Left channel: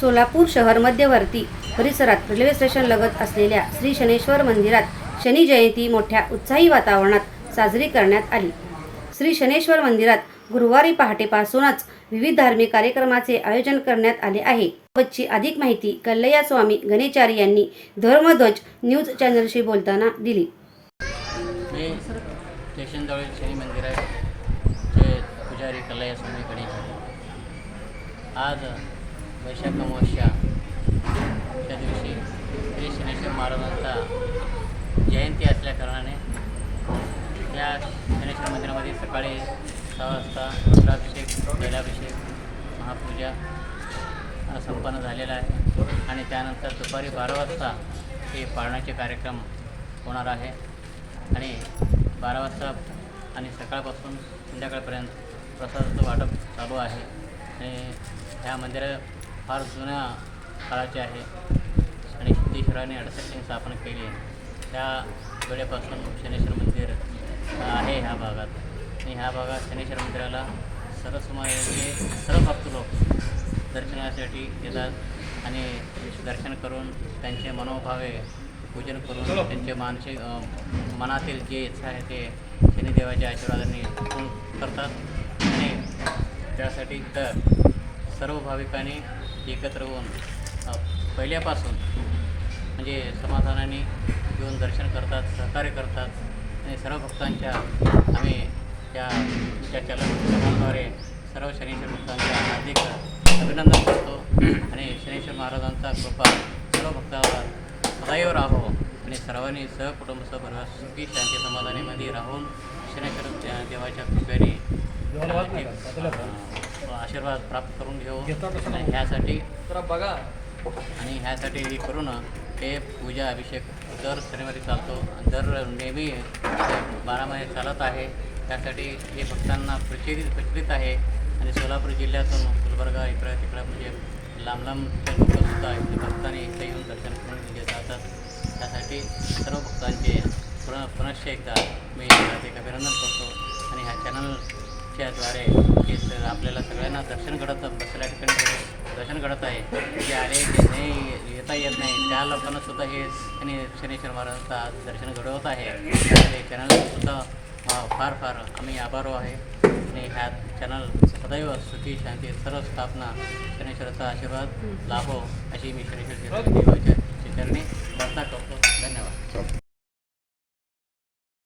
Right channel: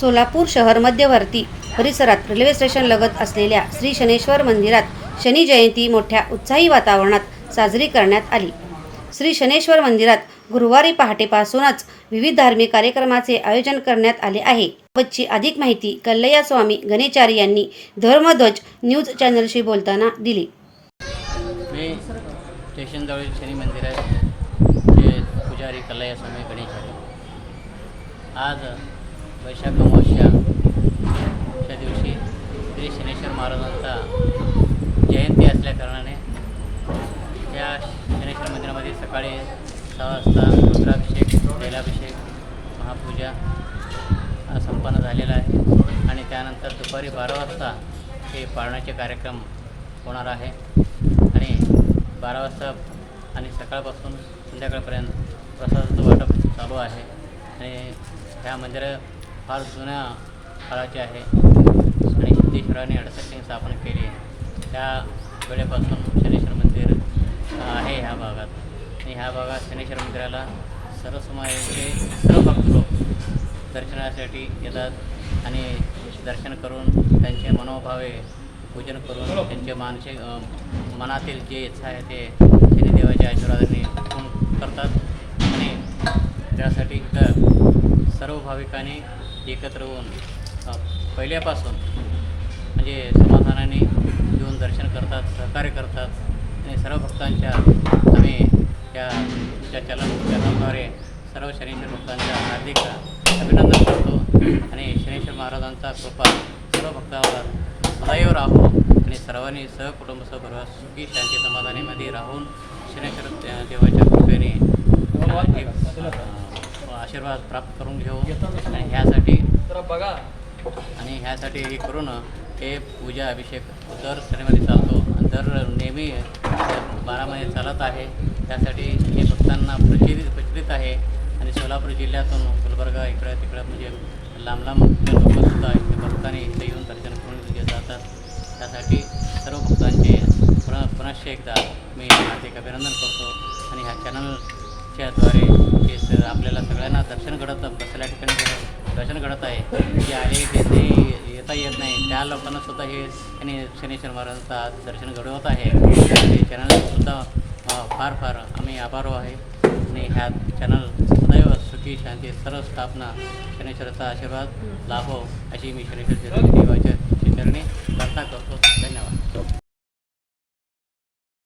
सोलापूर शहर मध्यवर्ती परिसरात रेल्वे स्टेशन लगत असलेल्या श्री शनेश्वर मंदिरात शनी जयंती मोठ्या उत्साही वातावरणात साजरी करण्यात आली। श्री शनेश्वर मंदिरात गुरुवारी पहाटेपासूनच विविध धार्मिक कार्यक्रमाचे आयोजन करण्यात आले आहे। याबाबतची अधिक माहिती कल्लया स्वामी गणेचारी यांनी धर्मध्वज न्यूज चॅनलशी बोलताना दिली। हे स्टेशनजवळील शनी मंदिर आहे, जे पुजारी कल्लया स्वामी गणेचारी। आज वैशाख अमावस्याच्या दिवशी श्री शनेश्वर महाराजांचा जयंती असल्याकारणाने या शनेश्वर मंदिरामध्ये सकाळी 6 वाजता रुद्राभिषेक, जलाभिषेक, महापूजा संपन्न झालेला आहे आणि त्यानंतर दुपारी 12 वाजता हे पाळण्याचे कार्यक्रम होणार आहे आणि 12 वाजता आणि सकाळपासून संध्याकाळपर्यंत प्रसादाचं वाटप चालू आहे। आणि ह्या मंदिरं फार जुन्या काळाचे आहे आणि सिद्धेश्वराने 68 स्थापना केली आहे। त्या वेळेपासून शनेश्वर मंदिर आहे ह्या भागात आणि ह्या भागात शनेश्वर मंदिराला सर्वसमाजाचे सर्व भक्त लोक दर्शनासाठी येतात आणि दर्शन करून त्यांचे मनोभावे पूजन करून त्यांचे मानसिक मनातील जे इच्छा आहे ते शनिदेवाच्या आशीर्वादाने पूर्ण करतात आणि त्यासाठी इथं सर्व भाविकांनी एकत्र होऊन पहिल्यापासून म्हणजे समाधानाने येऊन दर्शन करतात, सहकार्य करतात आणि सर्व भक्तांच्या आम्ही त्या चलनाद्वारे सर्व शनेश्वर भक्तांच्या हार्दिक अभिनंदन करतो आणि शनेश्वर महाराजांचा कृपा सर्व भक्तांवर सदैव राहो आणि सर्वांनी सहकुटुंब सहपरिवार सुखी शांती समाधानामध्ये राहून शनेश्वर देवाच्या कृपेने आशीर्वाद प्राप्त करून घेऊ आणि ह्यासाठी हे करून हे पूजा अभिषेक दर शनिवारी चालतो, दर नेहमी 12 महिने चालत आहे। त्यासाठी हे भक्तांना प्रचलित आहे आणि सोलापूर जिल्ह्यातून गुलबर्गा इकडं तिकडं म्हणजे लांब लोकसुद्धा भक्तांनी इथे येऊन दर्शन करून घेत जातात। त्यासाठी सर्व भक्तांचे पुनश्च एकदा मी हार्दिक अभिनंदन करतो आणि ह्या चॅनलच्याद्वारे हे आपल्याला सगळ्यांना दर्शन घडत बसल्या ठिकाणी दर्शन घडत आहे। जे आले जे येता येत नाही त्या लोकांनासुद्धा हे शनेश्वर महाराजांचा दर्शन घडवत आहे। त्या चॅनलसुद्धा फार आम्ही आभारी आहे आणि ह्या चॅनल सदैव सुखी शांती सर्व स्थापना शनेश्वराचा आशीर्वाद लाभो अशी मी शनेश्वर देवाच्या चरणी प्रार्थना करतो।